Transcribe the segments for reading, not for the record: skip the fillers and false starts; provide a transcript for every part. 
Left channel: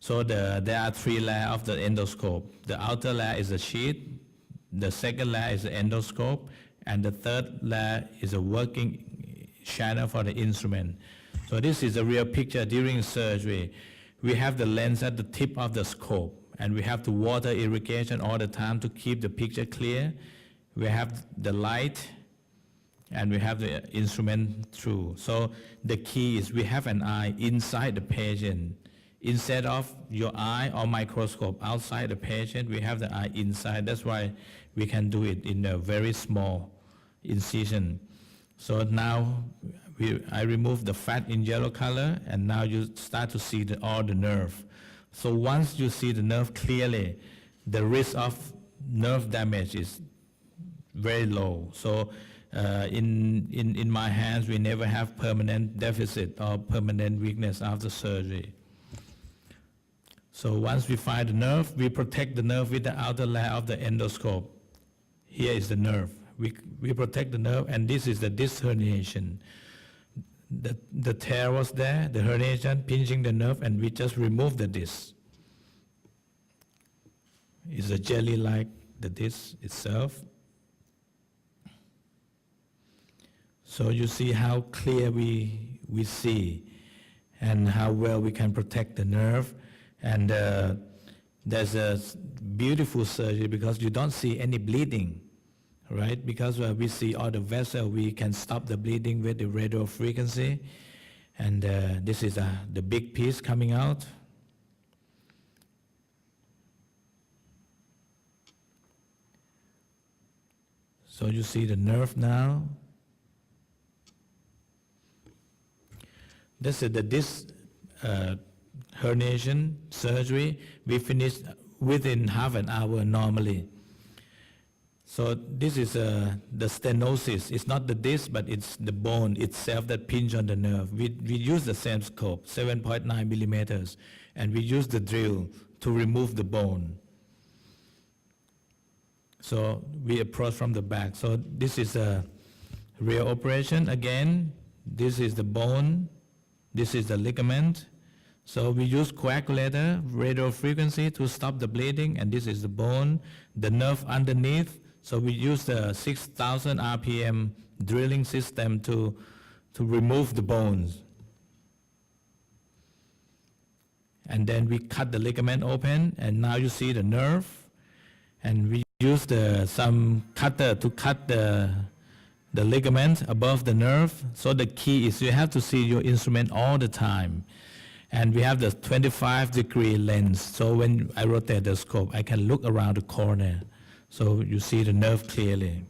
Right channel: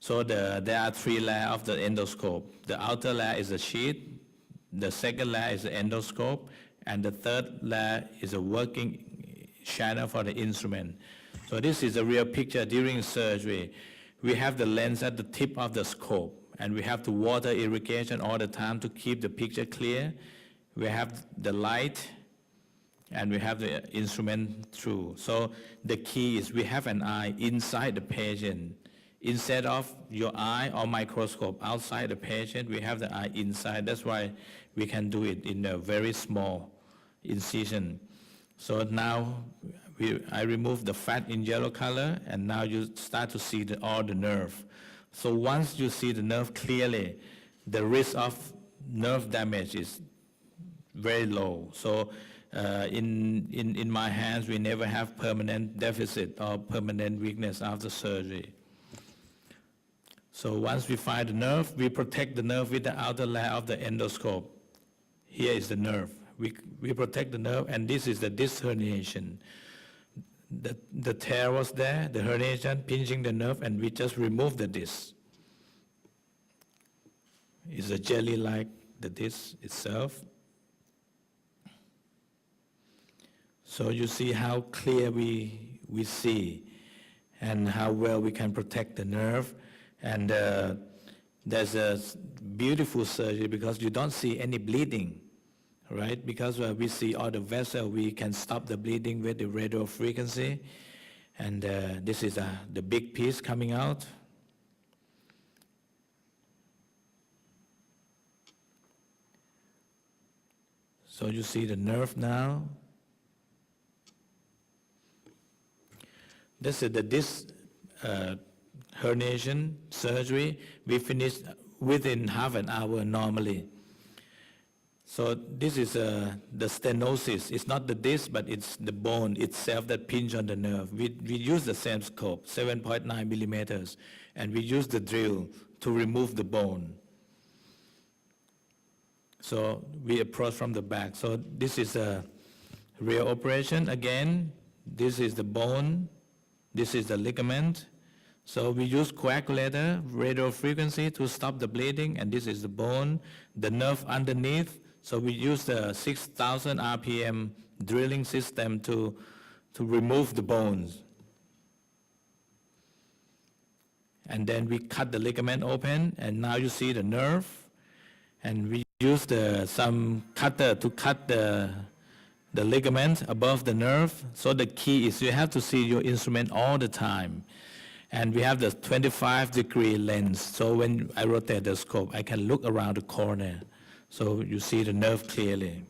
So there are three layers of the endoscope. The outer layer is a sheet, the second layer is the endoscope, and the third layer is a working channel for the instrument. So this is a real picture during surgery. We have the lens at the tip of the scope, and we have to water irrigation all the time to keep the picture clear. We have the light, and we have the instrument through. So the key is we have an eye inside the patient. Instead of your eye or microscope outside the patient, we have the eye inside. That's why we can do it in a very small incision. So now I remove the fat in yellow color, and now you start to see all the nerve. So once you see the nerve clearly, the risk of nerve damage is very low. So in my hands, we never have permanent deficit or permanent weakness after surgery. So once we find the nerve, we protect the nerve with the outer layer of the endoscope. Here is the nerve. We protect the nerve, and this is the disc herniation. The tear was there, the herniation, pinching the nerve, and we just remove the disc. It's a jelly like the disc itself. So you see how clear we see and how well we can protect the nerve. And there's a beautiful surgery because you don't see any bleeding, right? Because we see all the vessels, we can stop the bleeding with the radio frequency. And this is the big piece coming out. So you see the nerve now. This is the disc herniation surgery. We finish within half an hour normally. So this is the stenosis. It's not the disc, but it's the bone itself that pinch on the nerve. We use the same scope, 7.9 millimeters, and we use the drill to remove the bone. So we approach from the back. So this is a real operation. Again, this is the bone. This is the ligament. So we use coagulator, radio frequency to stop the bleeding, and this is the bone, the nerve underneath. So we use the 6,000 RPM drilling system to remove the bones. And then we cut the ligament open, and now you see the nerve. And we use some cutter to cut the ligament above the nerve. So the key is you have to see your instrument all the time. And we have the 25-degree lens. So when I rotate the scope, I can look around the corner. So you see the nerve clearly.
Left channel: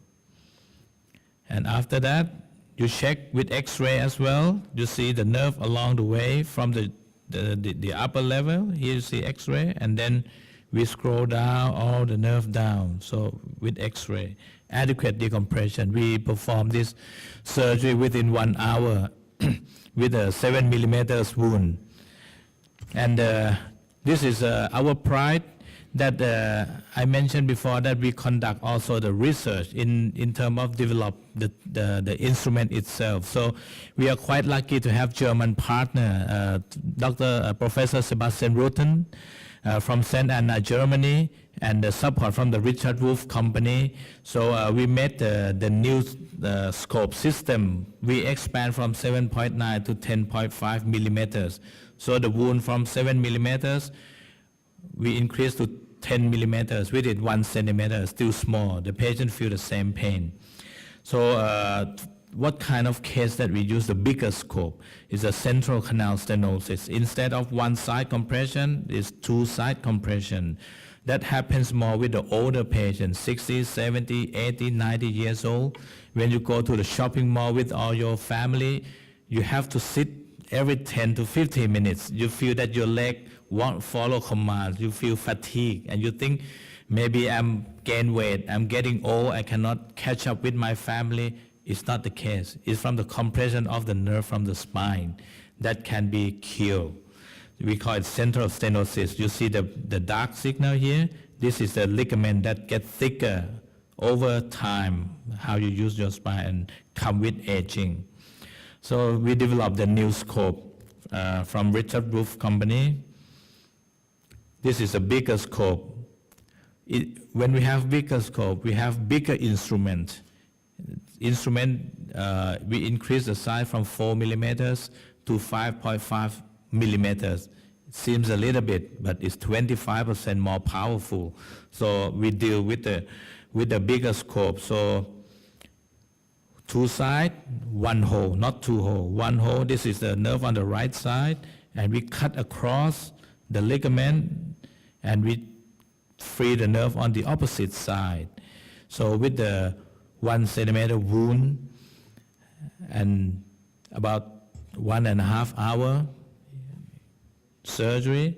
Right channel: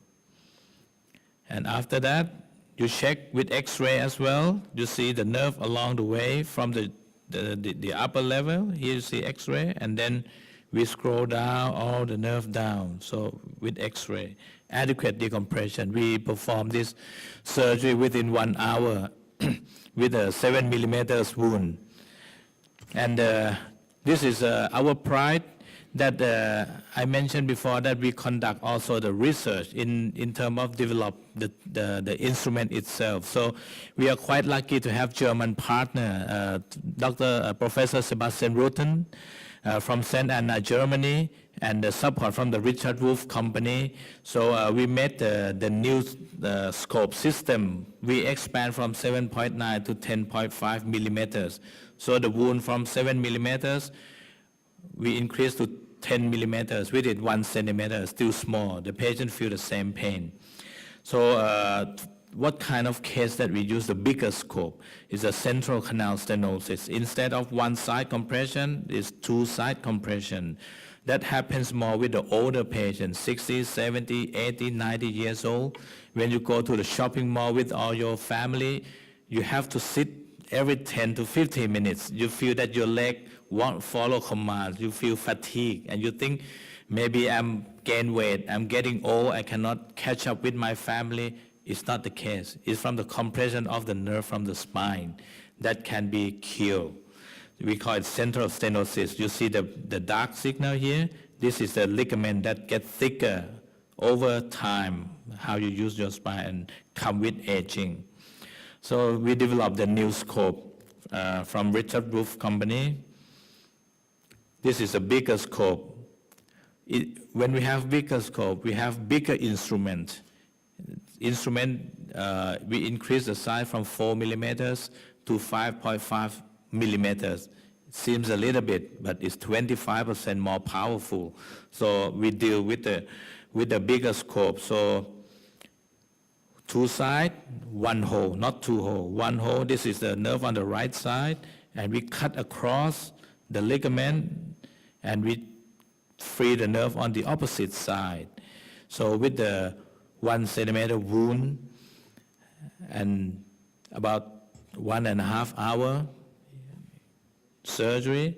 And after that, you check with X-ray as well. You see the nerve along the way from the upper level. Here you see X-ray, and then we scroll down all the nerve down. So with X-ray, adequate decompression. We perform this surgery within 1 hour with a 7 millimeters wound. And this is our pride that I mentioned before, that we conduct also the research in terms of develop the instrument itself. So we are quite lucky to have German partner, Professor Sebastian Rutten from St. Anna, Germany, and the support from the Richard Wolf Company. So we made the new scope system. We expand from 7.9 to 10.5 millimeters. So the wound from 7 millimeters, we increased to 10 millimeters. We did 1 centimeter, still small. The patient feel the same pain. So what kind of case that we use the bigger scope is a central canal stenosis. Instead of one side compression, it's 2 side compression. That happens more with the older patients, 60, 70, 80, 90 years old. When you go to the shopping mall with all your family, you have to sit every 10 to 15 minutes. You feel that your leg won't follow commands. You feel fatigue, and you think, maybe I'm gain weight, I'm getting old, I cannot catch up with my family. It's not the case. It's from the compression of the nerve from the spine that can be cured. We call it central stenosis. You see the dark signal here? This is the ligament that gets thicker over time, how you use your spine, and come with aging. So we developed the new scope from Richard Wolf Company. This is a bigger scope. When we have bigger scope, we have bigger instrument. We increase the size from 4 millimeters to 5.5 millimeters. Seems a little bit, but it's 25% more powerful. So we deal with the bigger scope. So 2 sides, 1 hole, not 2 holes. 1 hole, this is the nerve on the right side, and we cut across the ligament, and we free the nerve on the opposite side. So with the 1 centimeter wound, and about 1.5 hour surgery,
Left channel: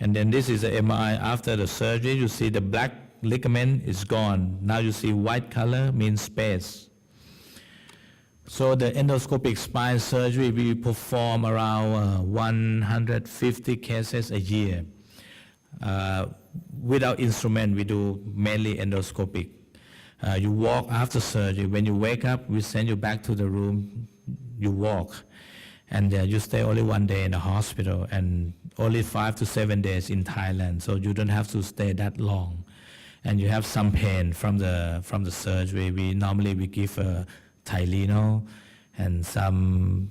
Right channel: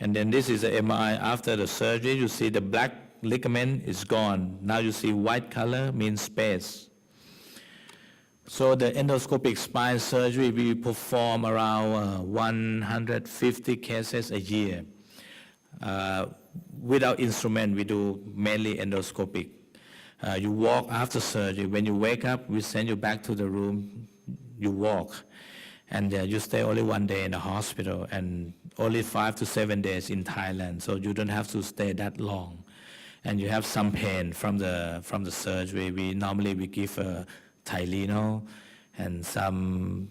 and then this is the MRI after the surgery. You see the black ligament is gone. Now you see white color, means space. So the endoscopic spine surgery, we perform around 150 cases a year. Without instrument, we do mainly endoscopic. You walk after surgery. When you wake up, we send you back to the room. You walk, and you stay only 1 day in the hospital, and only 5 to 7 days in Thailand. So you don't have to stay that long, and you have some pain from the surgery. We normally give Tylenol and some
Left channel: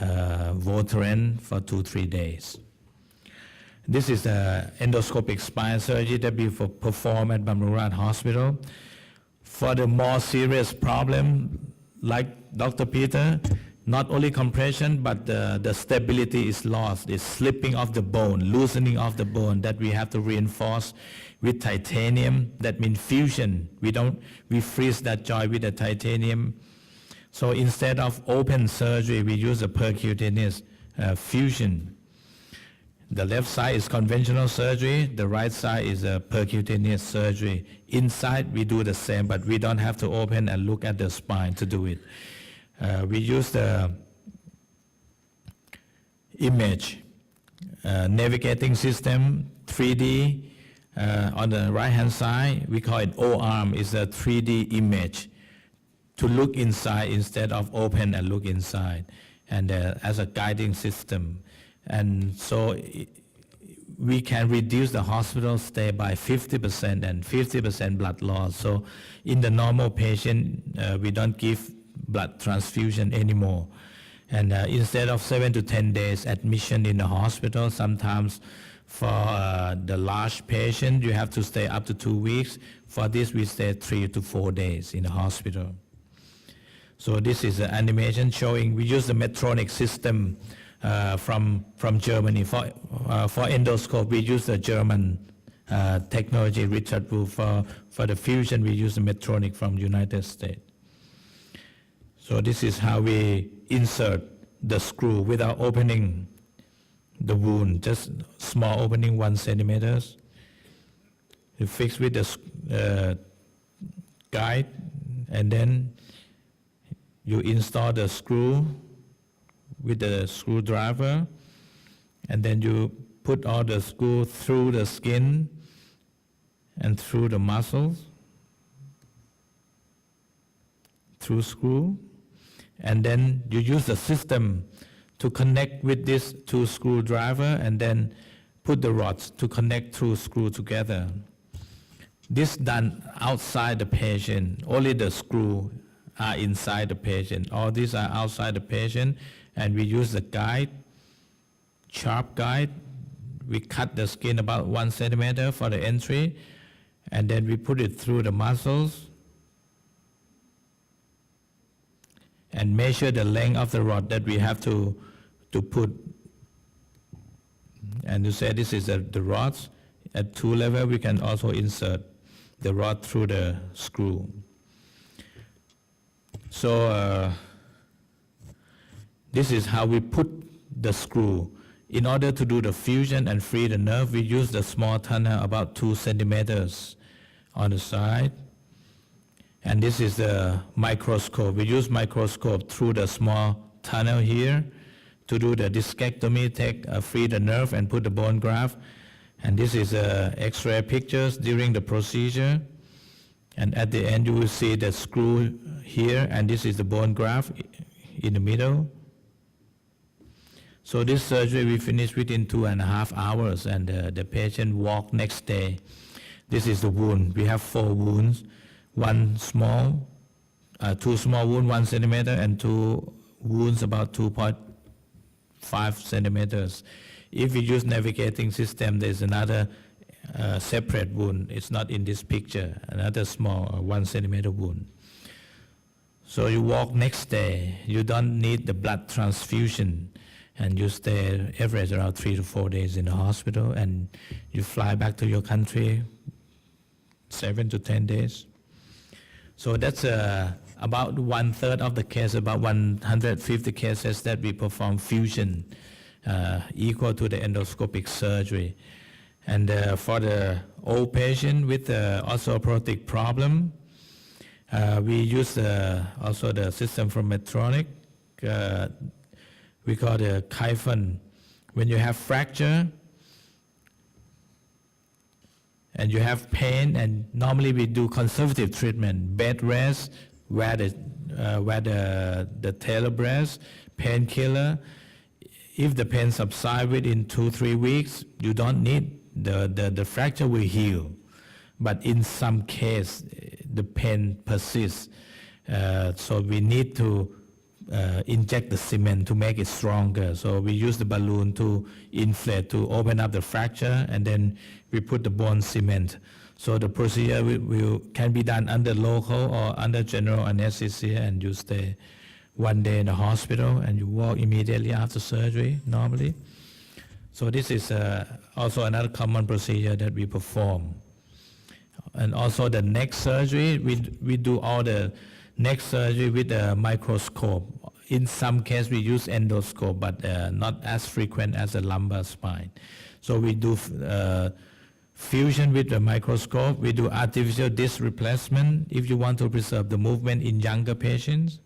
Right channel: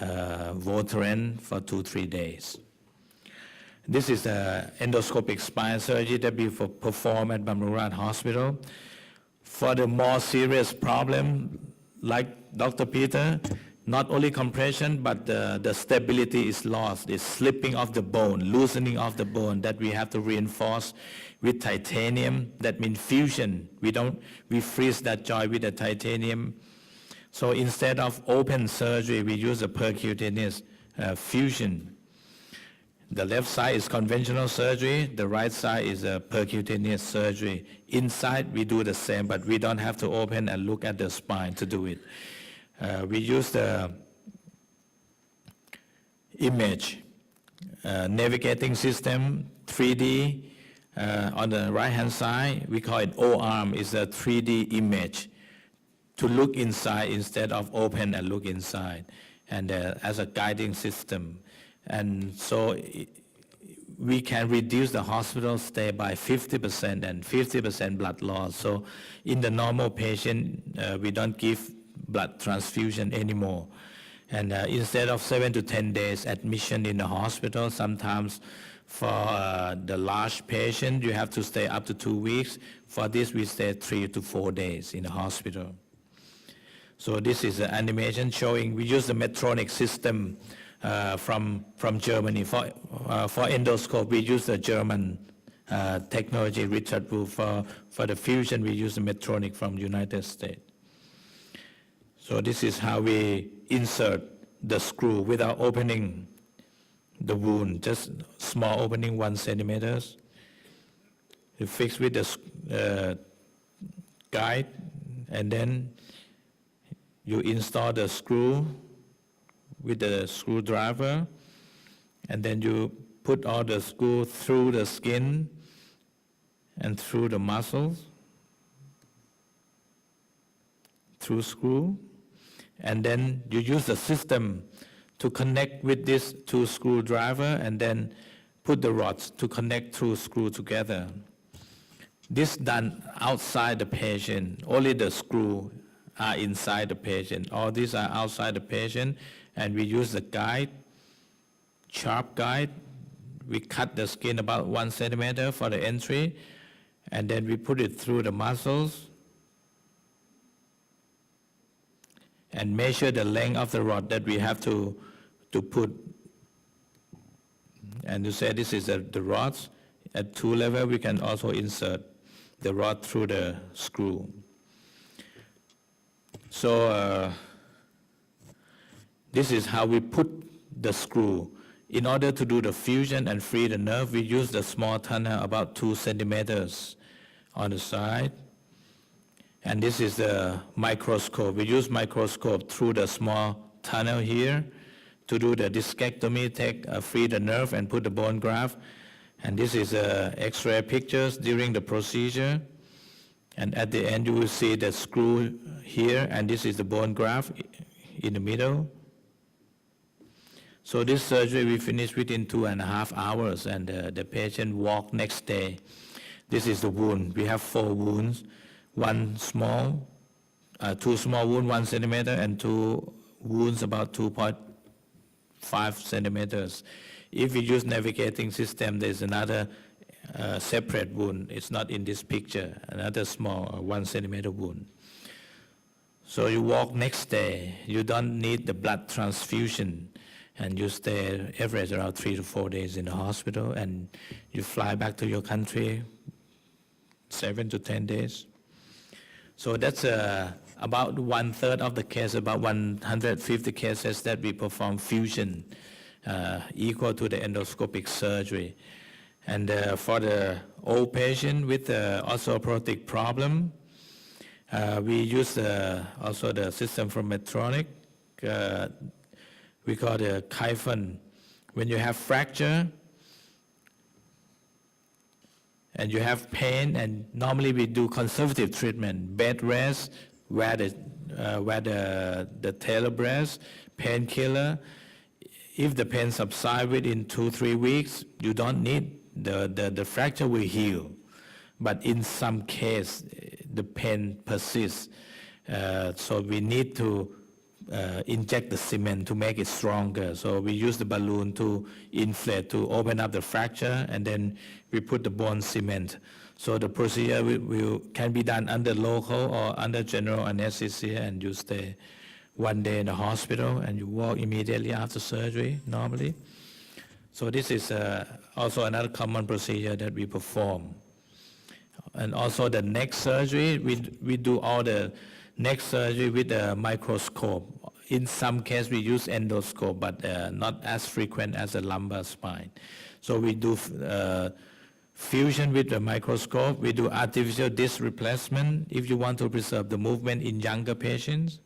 Voteran for 2-3 days. This is the endoscopic spine surgery that we perform at Bamrurat Hospital. For the more serious problem, like Dr. Peter, not only compression, but the stability is lost. It's slipping of the bone, loosening of the bone that we have to reinforce with titanium. That means fusion. We freeze that joint with the titanium. So instead of open surgery, we use a percutaneous fusion. The left side is conventional surgery, the right side is a percutaneous surgery. Inside we do the same, but we don't have to open and look at the spine to do it. We use the image navigating system, 3D. On the right hand side, we call it O-arm, is a 3D image to look inside instead of open and look inside, and as a guiding system. And so we can reduce the hospital stay by 50% and 50% blood loss. So in the normal patient, we don't give blood transfusion anymore. And instead of 7 to 10 days admission in the hospital, sometimes for the large patient, you have to stay up to 2 weeks. For this, we stay 3 to 4 days in the hospital. So this is an animation showing we use the Medtronic system from Germany. For endoscope, we use the German technology, Richard Wolf. For the fusion, we use the Medtronic from United States. So this is how we insert the screw without opening the wound, just small opening, 1 centimeter. You fix with the guide, and then you install the screw with the screwdriver, and then you put all the screw through the skin and through the muscles, through screw, and then you use the system to connect with this 2 screwdriver, and then put the rods to connect through screw together. This done outside the patient. Only the screw are inside the patient. All these are outside the patient, and we use the guide, sharp guide. We cut the skin about 1 centimeter for the entry, and then we put it through the muscles and measure the length of the rod that we have to put. And you say this is the rods. At 2 level, we can also insert the rod through the screw. So this is how we put the screw. In order to do the fusion and free the nerve, we use the small tunnel about 2 centimeters on the side. And this is the microscope. We use microscope through the small tunnel here to do the discectomy, free the nerve and put the bone graft. And this is X-ray pictures during the procedure. And at the end, you will see the screw here, and this is the bone graft in the middle. So this surgery we finished within 2.5 hours, and the patient walked next day. This is the wound. We have 4 wounds, one small, 2 small wounds, 1 centimeter, and 2 wounds about 2.5 centimeters. If we use navigating system, there's another separate wound. It's not in this picture, another small 1 centimeter wound. So you walk next day, you don't need the blood transfusion, and you stay average around 3 to 4 days in the hospital, and you fly back to your country 7 to 10 days. So that's about 1/3 of the case, about 150 cases that we perform fusion, equal to the endoscopic surgery. And for the old patient with the osteoporotic problem, we use also the system from Medtronic. We call the Kyphon. When you have fracture and you have pain, and normally we do conservative treatment, bed rest, wear the tailor breast, painkiller. If the pain subsides within 2-3 weeks, you don't need the fracture will heal. But in some case, the pain persists. So we need to inject the cement to make it stronger. So we use the balloon to inflate, to open up the fracture, and then we put the bone cement. So the procedure can be done under local or under general anesthesia, and you stay 1 day in the hospital, and you walk immediately after surgery normally. So this is also another common procedure that we perform. And also the neck surgery, we do all the neck surgery with a microscope. In some cases we use endoscope, but not as frequent as the lumbar spine. So we do fusion with the microscope. We do artificial disc replacement if you want to preserve the movement in younger patients.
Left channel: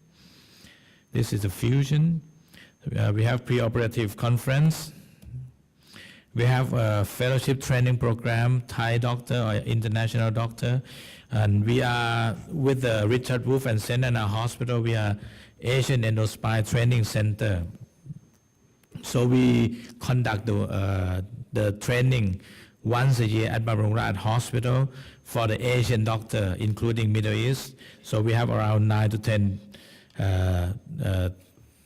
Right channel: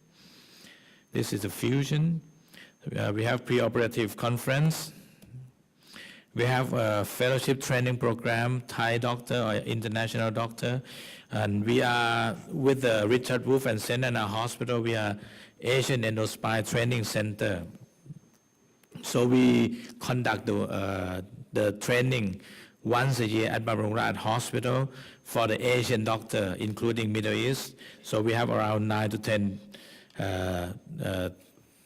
This is a fusion. We have preoperative conference. We have a fellowship training program, Thai doctor or international doctor, and we are with the Richard Wolf and St. Anna Hospital. We are Asian Endospine Training Center. So we conduct the training once a year at Bamrung Rat Hospital for the Asian doctor, including Middle East. So we have around 9 to 10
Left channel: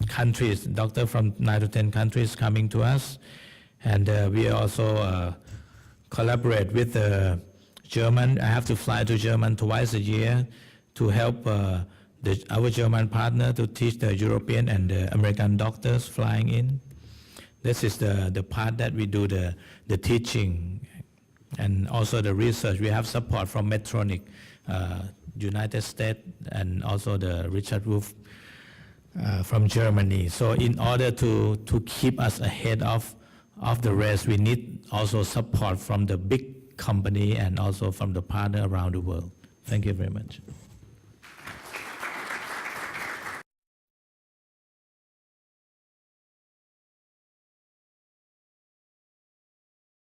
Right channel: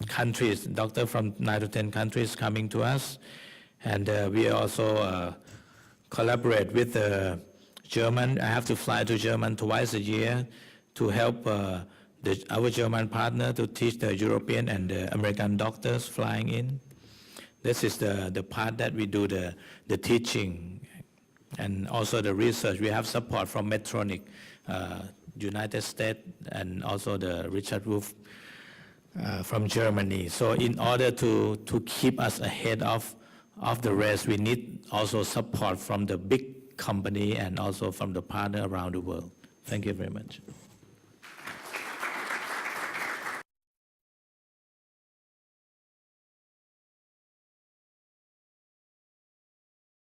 countries, doctor from 9 to 10 countries coming to us. And we also collaborate with German. I have to fly to Germany twice a year to help our German partner to teach the European and the American doctors flying in. This is the part that we do the teaching and also the research. We have support from Medtronic, United States, and also the Richard Wolf from Germany. So in order to keep us ahead of the rest, we need also support from the big company and also from the partner around the world. Thank you very much.